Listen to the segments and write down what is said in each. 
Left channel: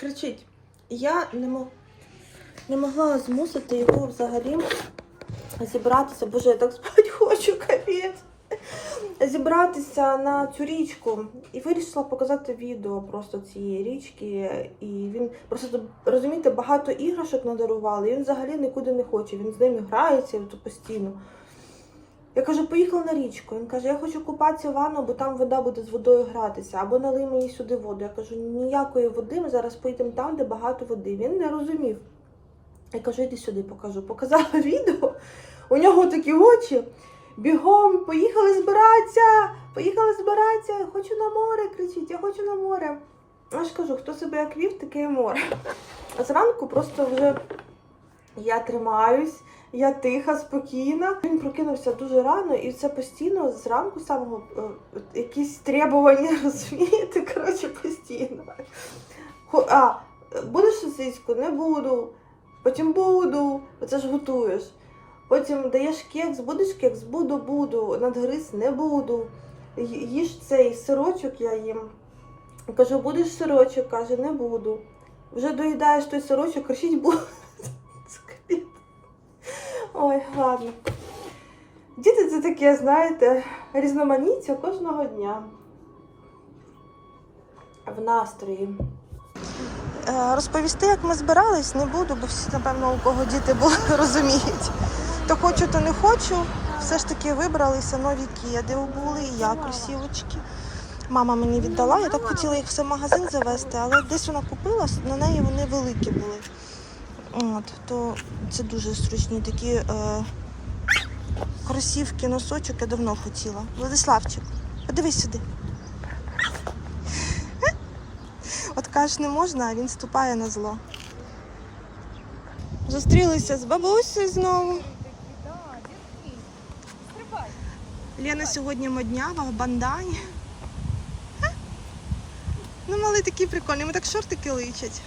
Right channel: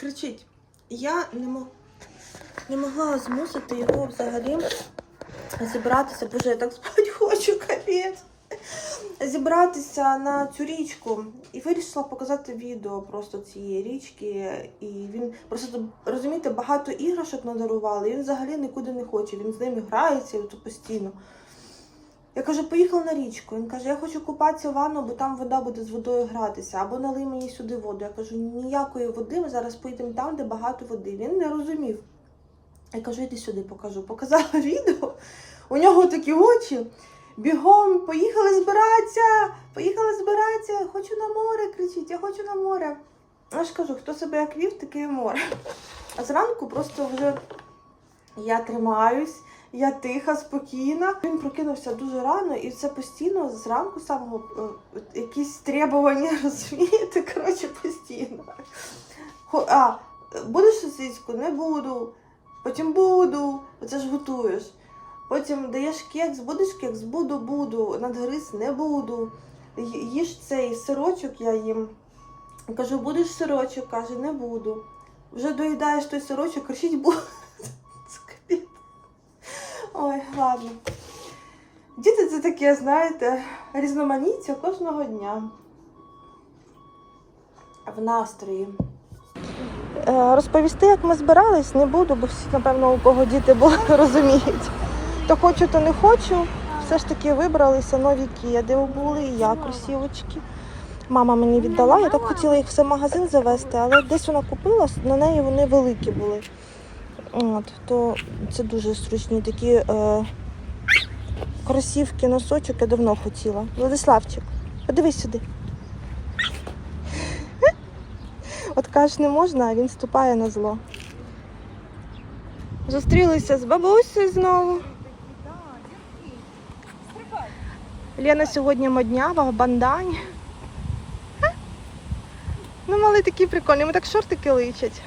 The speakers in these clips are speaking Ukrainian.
кричить. Я не, мо... не могла змусити його взагалі зібратися. Боже, я так спати хочу, капець. Зібратися на цю річку і вирішила показати відео просто цієї річки. І він просто розумієте, багато іграшок надарували. І він взагалі нікуди не хоче. Він з ними грається постійно. Я кажу, поїхав на річку. Він каже, я хочу купатися в ванну, бо там вода буде з водою гратися, або налий мені сюди воду. Я кажу, ніякої води, ми зараз поїдемо там, де багато води. Він не розумів. Я кажу, іди сюди, покажу. Показала відео. У нього такі очі. Бігом, поїхали збиратися, поїхали збиратися, хочу на море, кричить, я хочу на море. Я ж кажу, хто себе як вів, таке і море. А зранку просто вже я тримаюсь, я тиха, спокійна. Він прокинувся дуже рано, і це постійно зранку самого е, якісь требування, розумієте? Коротше, постійно. А, будеш сосиску? Не буду. Потім буду. Оце ж готуєш. Потім даєш кекс, будеш кекс? Буду, буду. Надгриз не буду. Їж цей сирочок я їм. Кажу, будеш сирочок? Каже, не буду. Вже доїдаєш той сирочок, кричить буду. Ой, ладно. Діти це таке, знаєте, різноманіття кожного дня. В настрої. Е, Розповісти, як ми збирались, не буду, бо всі, напевно, у кого діти були, розуміють. То хочу, то не хочу. Все ж таки вибралися нові кеди були, і я кросівочки. Мама мені віддала, я так хотіла їх все в магазин завести, але десь вона купила, на неї вони великі були. От, то це дуже зручні такі е, кросівки, носочок я давно хотіла. Владиславчик, подивись сюди. От кажеш, не можна, а він ступає на зло. Зустрілися з бабусею знову. Лена сьогодні моднява в бандані. Ну, малий такий прикольний, йому так шортики личать.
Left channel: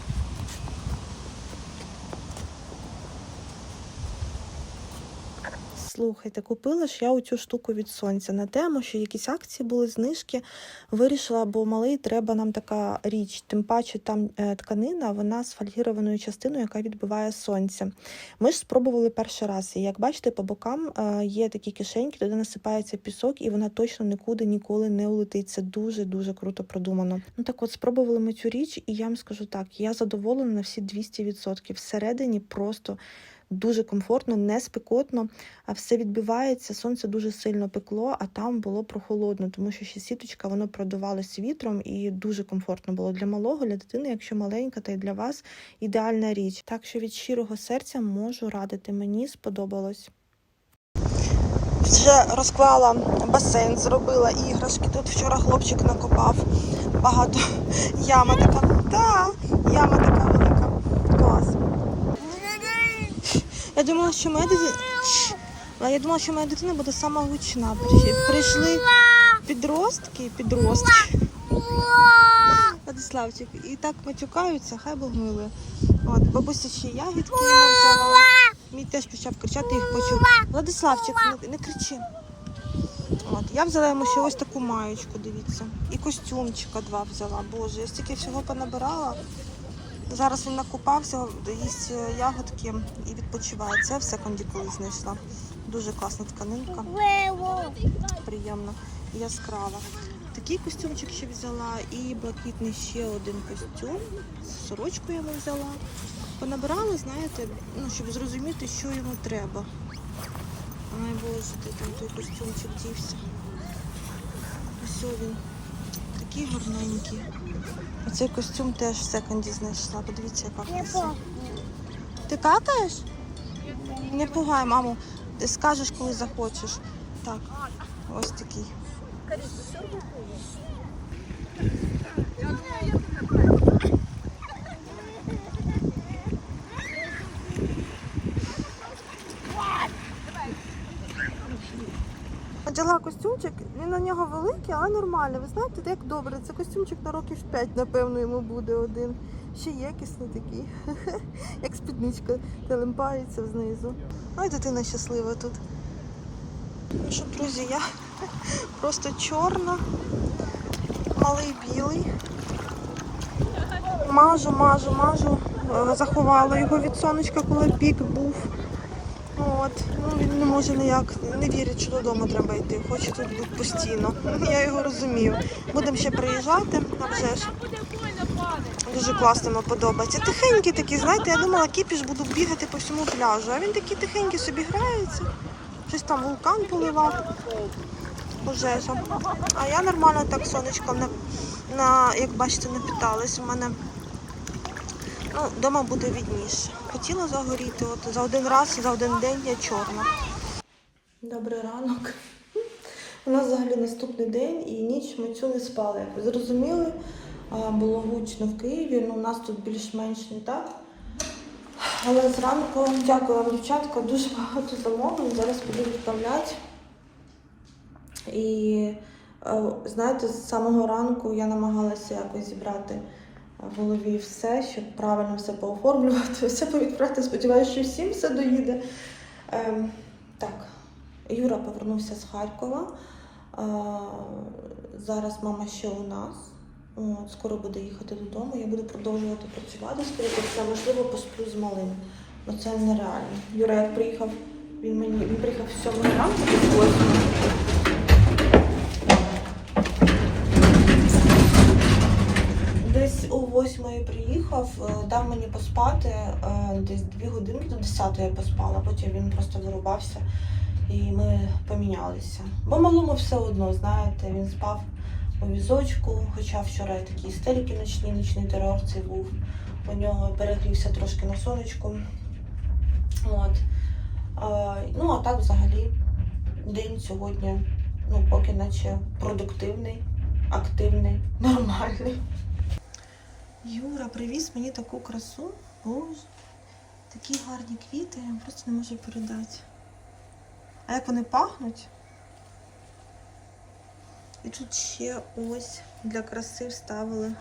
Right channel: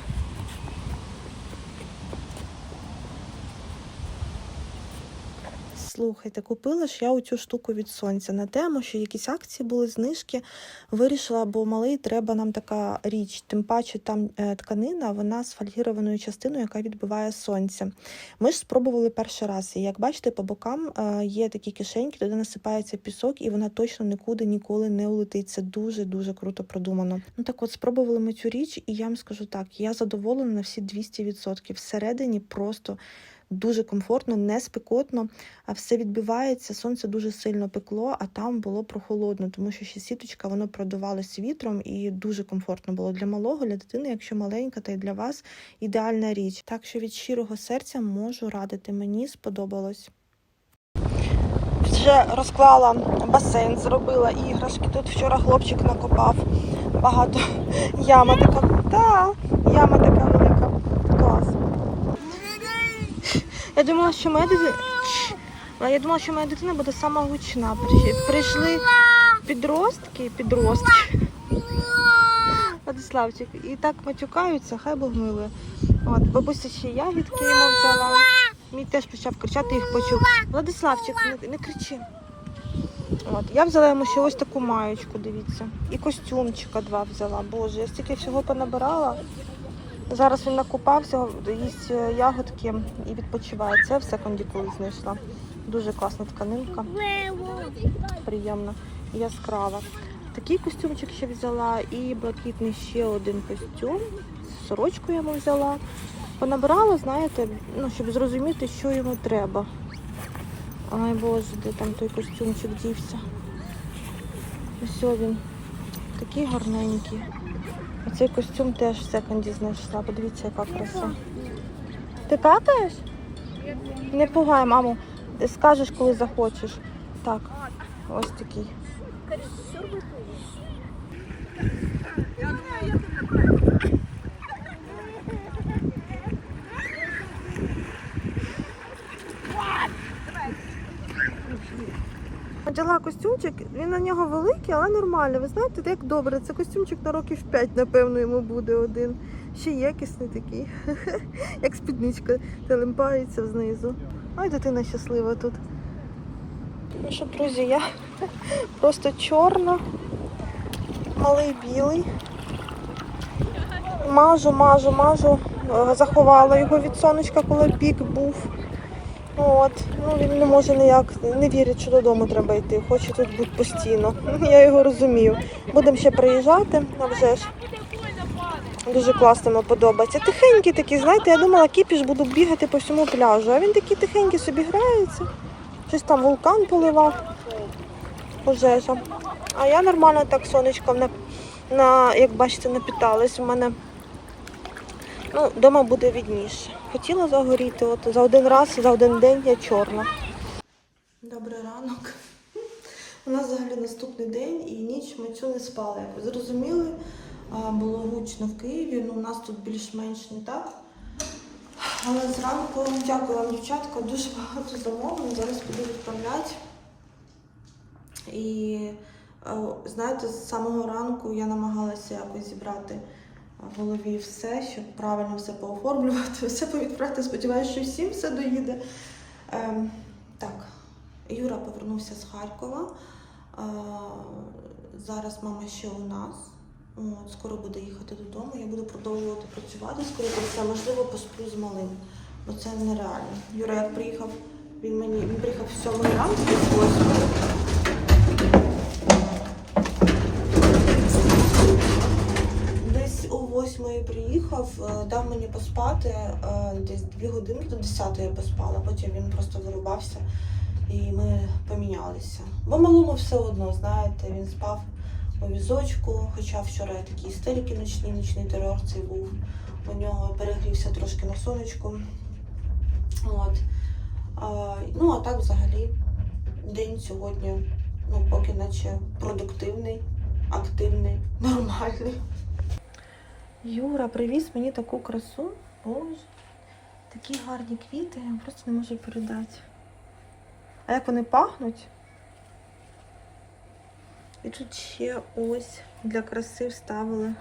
Слухайте, купила ж я оцю штуку від сонця на тему, що якісь акції були, знижки. Вирішила, бо малий треба нам така річ. Тим паче там е, тканина, вона з фольгірованою частиною, яка відбиває сонце. Ми ж спробували перший раз. І як бачите, по бокам е, є такі кишеньки, туди насипається пісок, і вона точно нікуди ніколи не улетить. Це дуже дуже круто продумано. Ну так, от спробували ми цю річ, і я вам скажу так: я задоволена на всі 200%. Всередині просто. Дуже комфортно, не спекотно, а все відбивається. Сонце дуже сильно пекло, а там було прохолодно, тому що ще сіточка воно продувалось вітром і дуже комфортно було для малого, для дитини, якщо маленька, та й для вас ідеальна річ. Так що від щирого серця можу радити. Мені сподобалось. Вже розклала басейн, зробила іграшки. Тут вчора хлопчик накопав. Багато яма така. Та, яма така Я думала, що моя дитина. Я думала, що моя дитина буде сама гучна. Прийшли- підростки, підростки. Владиславчик, і так матюкаються, хай Бог милує. От, бабуся ще ягідки йому взяла. Мій теж почав кричати, їх почув. Владиславчик, не, не кричи. От, я взяла йому ще ось таку маєчку, дивіться. І костюмчика два взяла. Боже, я стільки всього понабирала. Зараз він накупався, їсть е, ягодки і відпочиває. Це все кондикули знайшла. Дуже класна тканинка, приємна яскрава. Такий костюмчик ще взяла і блакитний ще один костюм. Сорочку йому взяла. Понабирала, знаєте, ну, щоб зрозуміти, що йому треба. Ай боже, де там той костюмчик дівся. Ось він. Такий гарненький. Оцей костюм теж в секонді знайшла. Подивіться, яка краса. Ти какаєш? Не пугай, маму. Ти скажеш, коли захочеш. Так, ось такий. Одягла костюмчик, він на нього великий, але нормальний. Ви знаєте, як добре. Це костюмчик на років 5, напевно, йому буде один. Ще якісний такий, як спідничка телемпається знизу. Ой, дитина щаслива тут. Ну що, друзі, я просто чорна, малий білий. Мажу, мажу, мажу. Е, Заховала його від сонечка, коли пік був. От. Ну, він не може ніяк, не вірить, що додому треба йти. Хоче тут бути постійно. Я його розумію. Будемо ще приїжджати, а вже ж. Дуже класно подобається. Тихенький такий, знаєте, я думала, кіпіш буду бігати по всьому пляжу. А він такий тихенький собі грається. Щось там вулкан поливав. Пожежа. А я нормально так сонечком на, на як бачите, напіталась. У мене ну, вдома буде відніше. Хотіла загоріти, от за один раз, за один день я чорна. Добрий ранок. У нас взагалі наступний день і ніч ми цю не спали. Як ви зрозуміли, було гучно в Києві, ну у нас тут більш-менш не так. Але зранку, дякую вам, дівчатка, дуже багато замовлень. Зараз піду відправляти. І е, знаєте, з самого ранку я намагалася якось зібрати в голові все, щоб правильно все пооформлювати, все повідправити. Сподіваюся, що всім все доїде. Ем, так, Юра повернувся з Харкова. Е, зараз мама ще у нас. От, скоро буде їхати додому. Я буду продовжувати працювати. Скоріше все, можливо, посплю з малим. Ну це нереально. Юра, як приїхав, він мені він приїхав в сьомої ранку до восьмої. Приїхав, е, дав мені поспати, е, десь дві години до десятої я поспала, потім він просто вирубався і ми помінялися. Бо малому все одно, знаєте, він спав у візочку, хоча вчора такі істерики ночні, ночний терор цей був. У нього перегрівся трошки на сонечку. От. Ну, а так взагалі день сьогодні, ну, поки наче продуктивний, активний, нормальний. Юра привіз мені таку красу. Боже, такі гарні квіти, я просто не можу передати. А як вони пахнуть? І тут ще ось для краси вставили.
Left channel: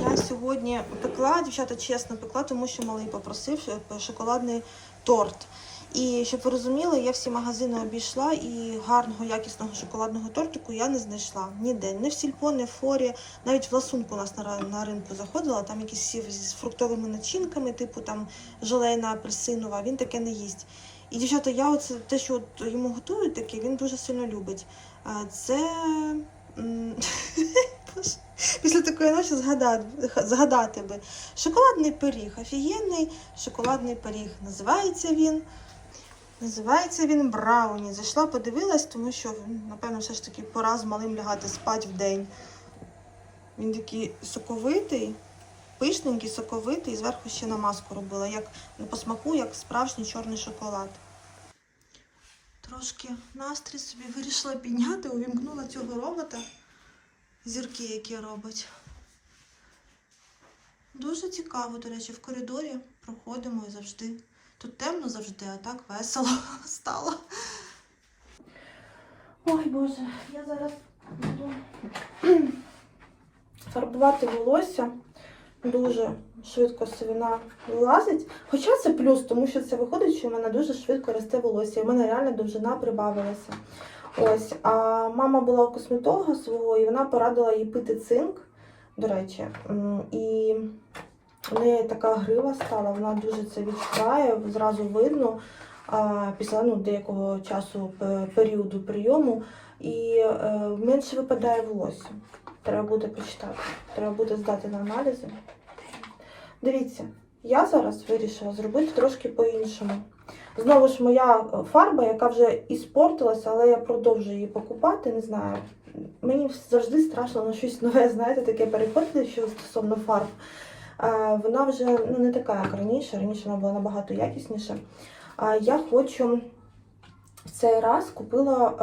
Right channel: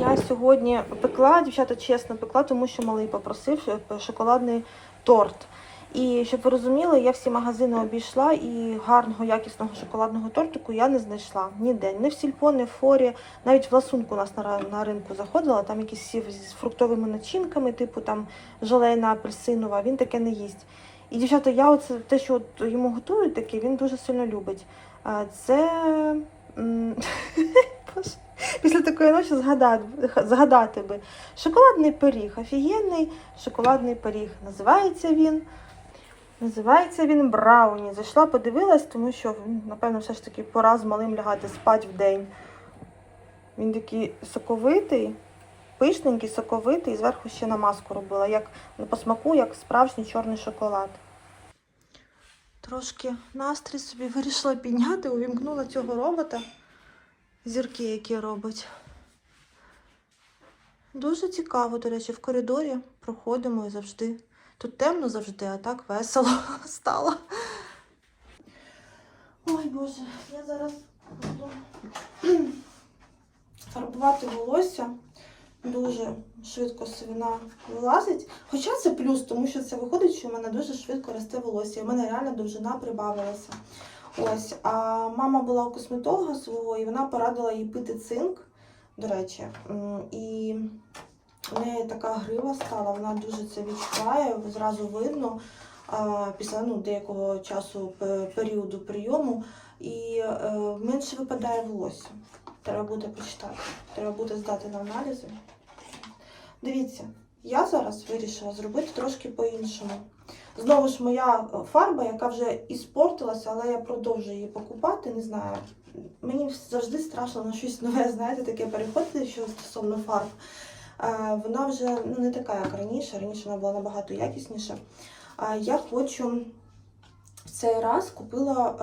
Я сьогодні пекла, дівчата чесно пекла, тому що малий попросив шоколадний торт. І щоб ви розуміли, я всі магазини обійшла і гарного якісного шоколадного тортику я не знайшла ніде. Не в сільпо, не в форі. Навіть в ласунку нас на, на ринку заходила, там якісь всі з фруктовими начинками, типу там желейна апельсинова, він таке не їсть. І дівчата, я оце те, що от йому готують таке, він дуже сильно любить. Це після такої ночі згадати, згадати би. Шоколадний пиріг, офігенний шоколадний пиріг. Називається він. Називається він Брауні. Зайшла, подивилась, тому що, напевно, все ж таки пора з малим лягати спати в день. Він такий соковитий, пишненький, соковитий, і зверху ще намазку робила, як ну, по смаку, як справжній чорний шоколад. Трошки настрій собі вирішила підняти, увімкнула цього робота. Зірки, які робить. Дуже цікаво, до речі, в коридорі проходимо і завжди. Тут темно завжди, а так весело стало. Ой Боже, я зараз буду фарбувати волосся. Дуже швидко сивина вилазить. Хоча це плюс, тому що це виходить, що в мене дуже швидко росте волосся. І в мене реально довжина прибавилася. Ось, а мама була у косметолога свого, і вона порадила їй пити цинк, до речі. І в неї така грива стала, вона дуже це відчуває, зразу видно після ну, деякого часу періоду прийому. І е, менше випадає волосся. Треба буде почитати. Треба буде здати на аналізи. Дивіться, я зараз вирішила зробити трошки по-іншому. Знову ж моя е, фарба, яка вже іспортилася, але я продовжую її покупати. Не знаю. Мені завжди страшно на щось нове, знаєте, таке переходити, що стосовно фарб. Вона вже ну, не така, як раніше. Раніше вона була набагато якісніша. Я хочу в цей раз купила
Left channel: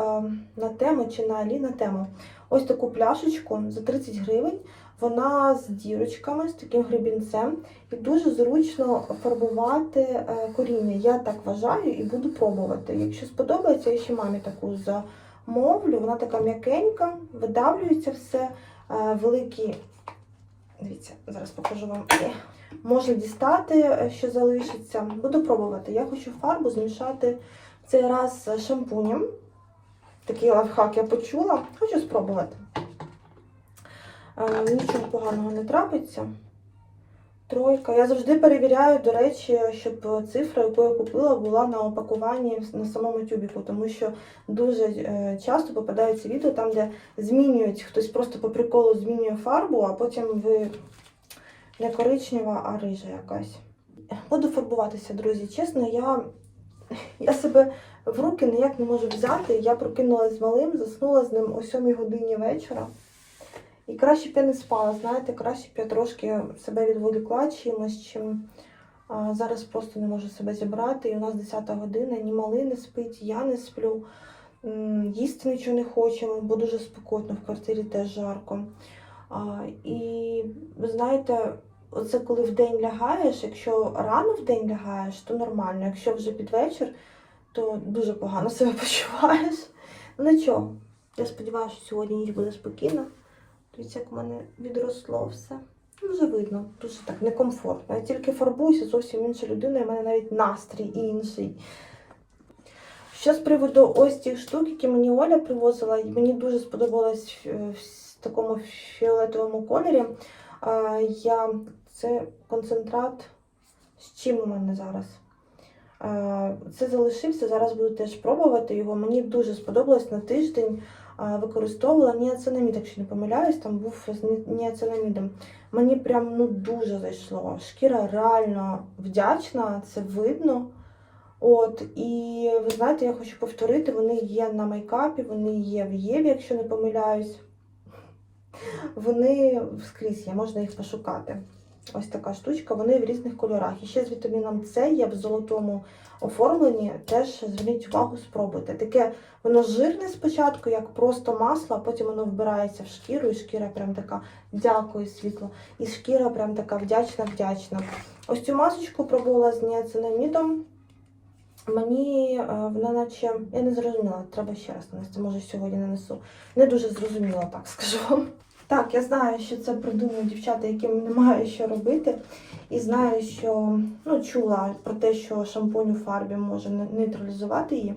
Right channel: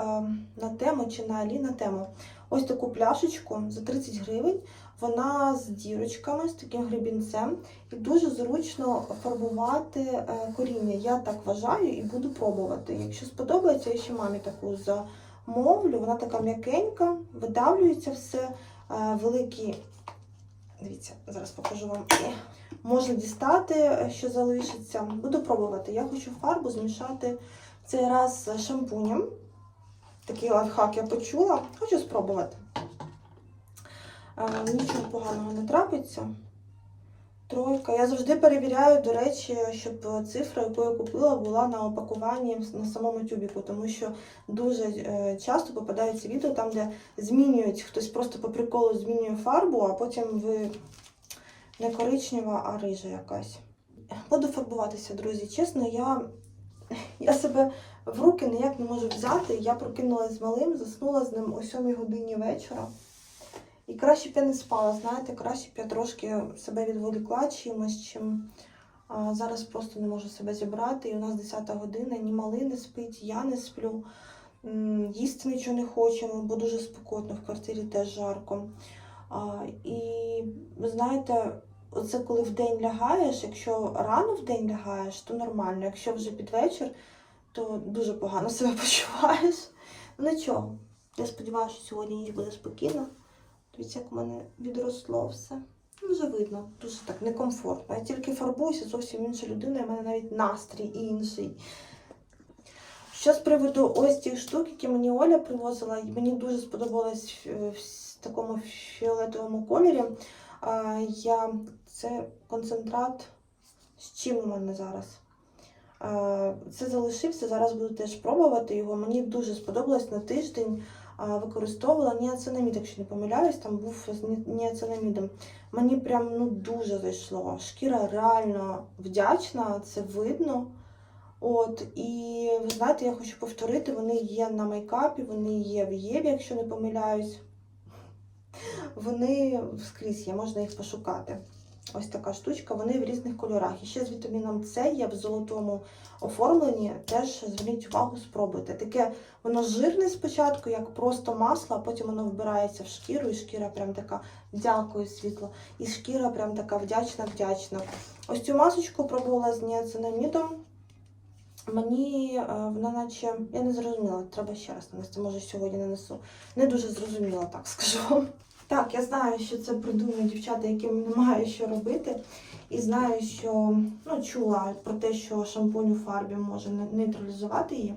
на тему чи на Алі на тему ось таку пляшечку за 30 гривень. Вона з дірочками, з таким гребінцем, і дуже зручно фарбувати е, коріння. Я так вважаю і буду пробувати. Якщо сподобається, я ще мамі таку замовлю. Вона така м'якенька, видавлюється все. Е, великі. Дивіться, зараз покажу вам. Можна дістати, що залишиться. Буду пробувати. Я хочу фарбу змішати цей раз з шампунем. Такий лайфхак я почула. Хочу спробувати. Е, Нічого поганого не трапиться. Тройка. Я завжди перевіряю, до речі, щоб цифра, яку я купила, була на опакуванні на самому тюбіку, тому що дуже е, часто попадаються відео там, де змінюють, хтось просто по приколу змінює фарбу, а потім ви не коричнева, а рижа якась. Буду фарбуватися, друзі. Чесно, я, я себе в руки ніяк не можу взяти. Я прокинулася з малим, заснула з ним о 7 годині вечора. І краще б я не спала, знаєте, краще б я трошки себе відволікла чимось, чим а, зараз просто не можу себе зібрати. І у нас 10 година, ні малий не спить, я не сплю, їсти нічого не хочемо, бо дуже спекотно, в квартирі теж жарко. А, і знаєте, оце коли в день лягаєш, якщо рано в день лягаєш, то нормально. Якщо вже під вечір, то дуже погано себе почуваєш. Ну нічого, я сподіваюся, що сьогодні ніч буде спокійна. Дивіться, як в мене відросло все. Ну, вже видно, дуже так некомфортно. Я тільки фарбуюся, зовсім інша людина, і в мене навіть настрій інший. Що з приводу ось цих штук, які мені Оля привозила, мені дуже сподобалось в, в такому фіолетовому кольорі. Я, це концентрат. З чим у мене зараз? А, це залишився, зараз буду теж пробувати його. Мені дуже сподобалось на тиждень використовувала ніацинамід, якщо не помиляюсь, там був з ніацинамідом. Мені прям ну дуже зайшло. Шкіра реально вдячна, це видно. От, і ви знаєте, я хочу повторити, вони є на мейкапі, вони є в Єві, якщо не помиляюсь. Вони скрізь є, можна їх пошукати. Ось така штучка, вони в різних кольорах. І ще з вітаміном С є в золотому оформленні. Теж зверніть увагу, спробуйте. Таке воно жирне спочатку, як просто масло, а потім воно вбирається в шкіру, і шкіра прям така дякую, світло. І шкіра прям така вдячна-вдячна. Ось цю масочку пробувала з ніацинамідом. Мені е, вона наче, я не зрозуміла, треба ще раз нанести, може сьогодні нанесу. Не дуже зрозуміла, так скажу вам. Так, я знаю, що це придумують дівчата, яким немає що робити. І знаю, що ну, чула про те, що шампунь у фарбі може нейтралізувати її.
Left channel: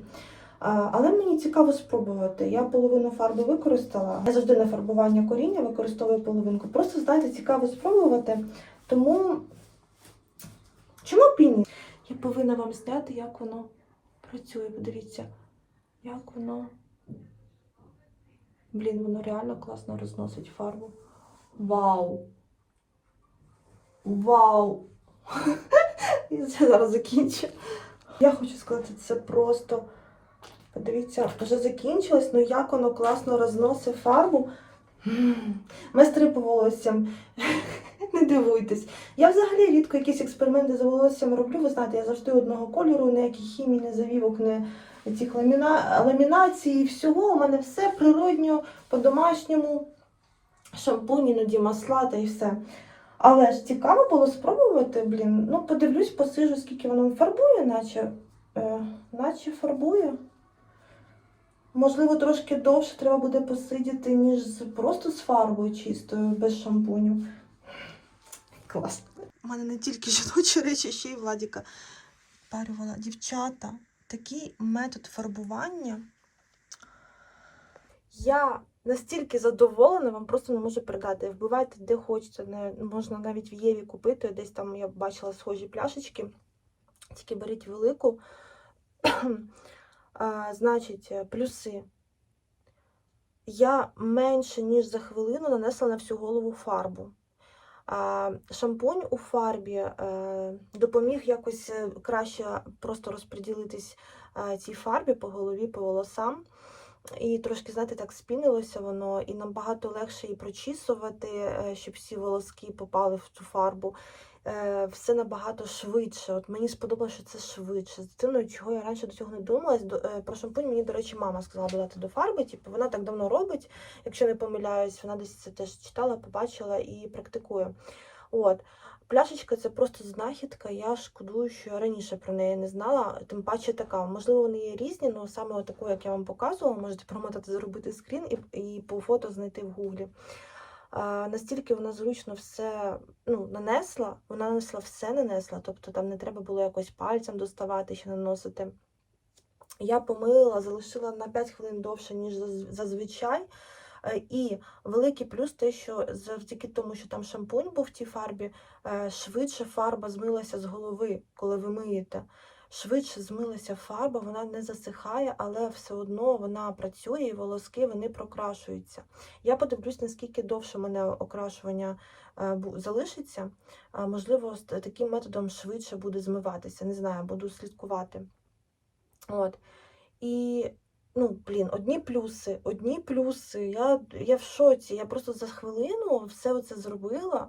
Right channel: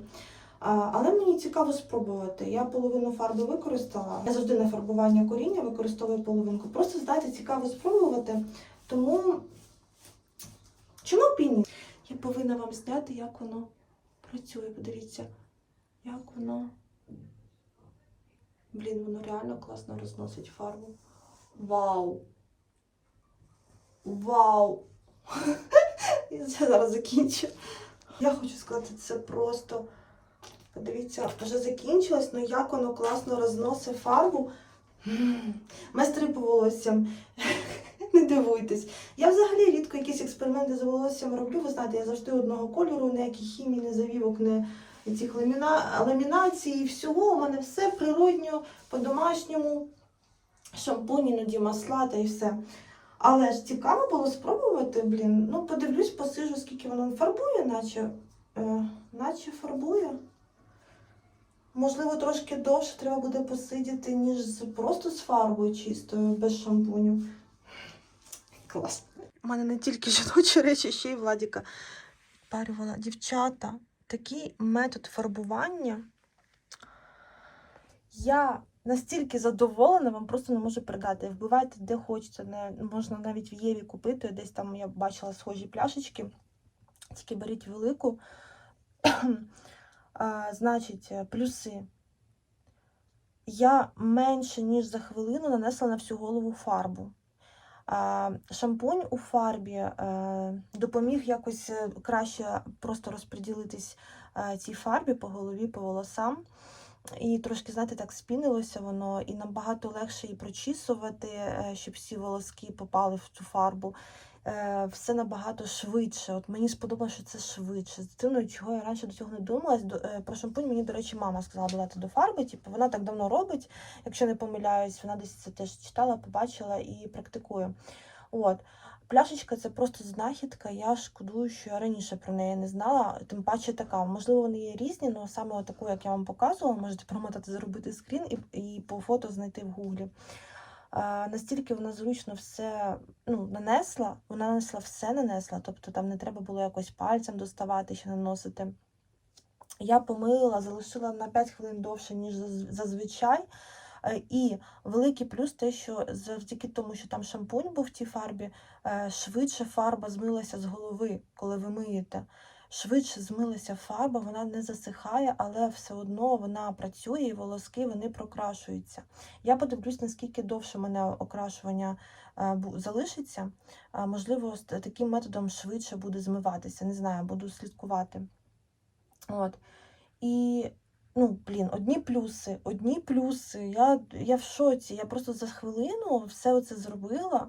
Але мені цікаво спробувати. Я половину фарби використала. Я завжди на фарбування коріння використовую половинку. Просто знаєте, цікаво спробувати. Тому чому б і ні? Я повинна вам зняти, як воно працює. Подивіться, як воно. Блін, воно реально класно розносить фарбу. Вау! Вау! Я це зараз закінчу. Я хочу сказати, це просто. Подивіться, вже закінчилось, але як воно класно розносить фарбу. Майстри по волоссям. Не дивуйтесь. Я взагалі рідко якісь експерименти з волоссям роблю. Ви знаєте, я завжди одного кольору, ніяких хімій, не завівок, не цих ламіна... ламінацій, всього. У мене все природньо, по-домашньому. Шампунь, іноді масла та і все. Але ж цікаво було спробувати, блін. Ну, подивлюсь, посижу, скільки воно фарбує, наче, е, наче фарбує. Можливо, трошки довше треба буде посидіти, ніж просто з фарбою чистою, без шампуню. Клас. У мене не тільки жіночі речі, ще й Владіка. Парювала дівчата. Такий метод фарбування. Я настільки задоволена, вам просто не можу передати. Вбивайте де хочете. Не, можна навіть в Єві купити. Десь там я бачила схожі пляшечки. Тільки беріть велику. а, значить, плюси. Я менше, ніж за хвилину нанесла на всю голову фарбу. Шампунь у фарбі е, допоміг якось е, краще просто розподілитись е, цій фарбі по голові, по волосам. І трошки, знаєте, так спінилося воно, і набагато легше її прочісувати, щоб всі волоски попали в цю фарбу. Е, Все набагато швидше. От мені сподобалося, що це швидше. З дитиною, чого я раніше до цього не думалась. Е, Про шампунь мені, до речі, мама сказала додати до фарби. Типу, вона так давно робить, якщо не помиляюсь, вона десь це теж читала, побачила і практикує. От. Пляшечка це просто знахідка. Я шкодую, що я раніше про неї не знала. Тим паче така. Можливо, вони є різні, але саме таку, як я вам показувала, можете промотати, зробити скрін і, і по фото знайти в гуглі. Настільки вона зручно все ну, нанесла, вона нанесла все нанесла, тобто там не треба було якось пальцем доставати, ще наносити. Я помила, залишила на 5 хвилин довше, ніж зазвичай. Е, І великий плюс те, що завдяки тому, що там шампунь був в тій фарбі, е, швидше фарба змилася з голови, коли ви миєте. Швидше змилася фарба, вона не засихає, але все одно вона працює і волоски вони прокрашуються. Я подивлюсь, наскільки довше в мене окрашування е, залишиться. Можливо, таким методом швидше буде змиватися. Не знаю, буду слідкувати. От. І, ну, блін, одні плюси, одні плюси. Я, я в шоці. Я просто за хвилину все оце зробила,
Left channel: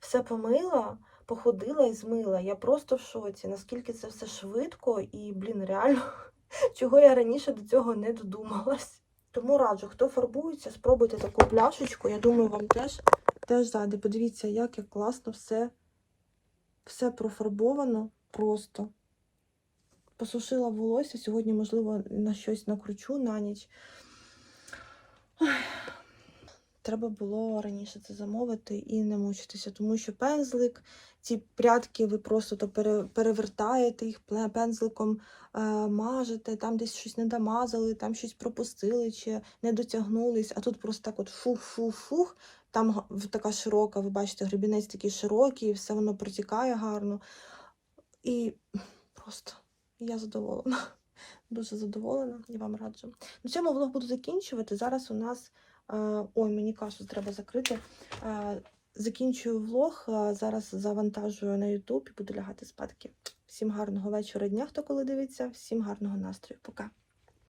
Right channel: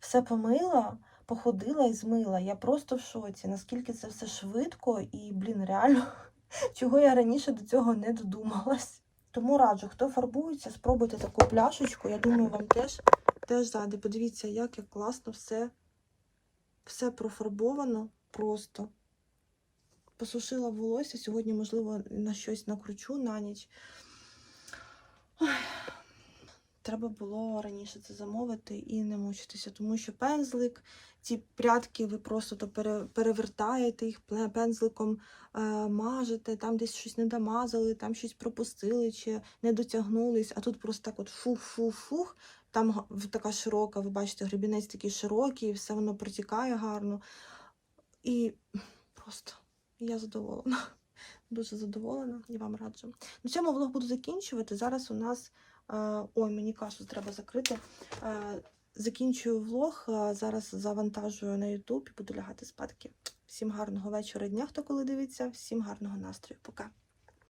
все помила, походила і змила. Я просто в шоці, наскільки це все швидко і, блін, реально, чого я раніше до цього не додумалась. Тому раджу, хто фарбується, спробуйте таку пляшечку. Я думаю, вам теж, теж зайде. Подивіться, як, як класно все, все профарбовано просто. Посушила волосся. Сьогодні, можливо, на щось накручу на ніч. Треба було раніше це замовити і не мучитися, тому що пензлик, ці прядки, ви просто то перевертаєте їх пензликом, е, мажете, там десь щось не домазали, там щось пропустили чи не дотягнулись, а тут просто так от фух-фух-фух. Там така широка, ви бачите, гребінець такий широкий, все воно протікає гарно. І просто я задоволена. Дуже задоволена і вам раджу. На цьому влог буду закінчувати. Зараз у нас. е, Ой, мені кашу треба закрити. Закінчую влог. Зараз завантажую на YouTube і буду лягати спадки. Всім гарного вечора дня, хто коли дивиться. Всім гарного настрою. Пока.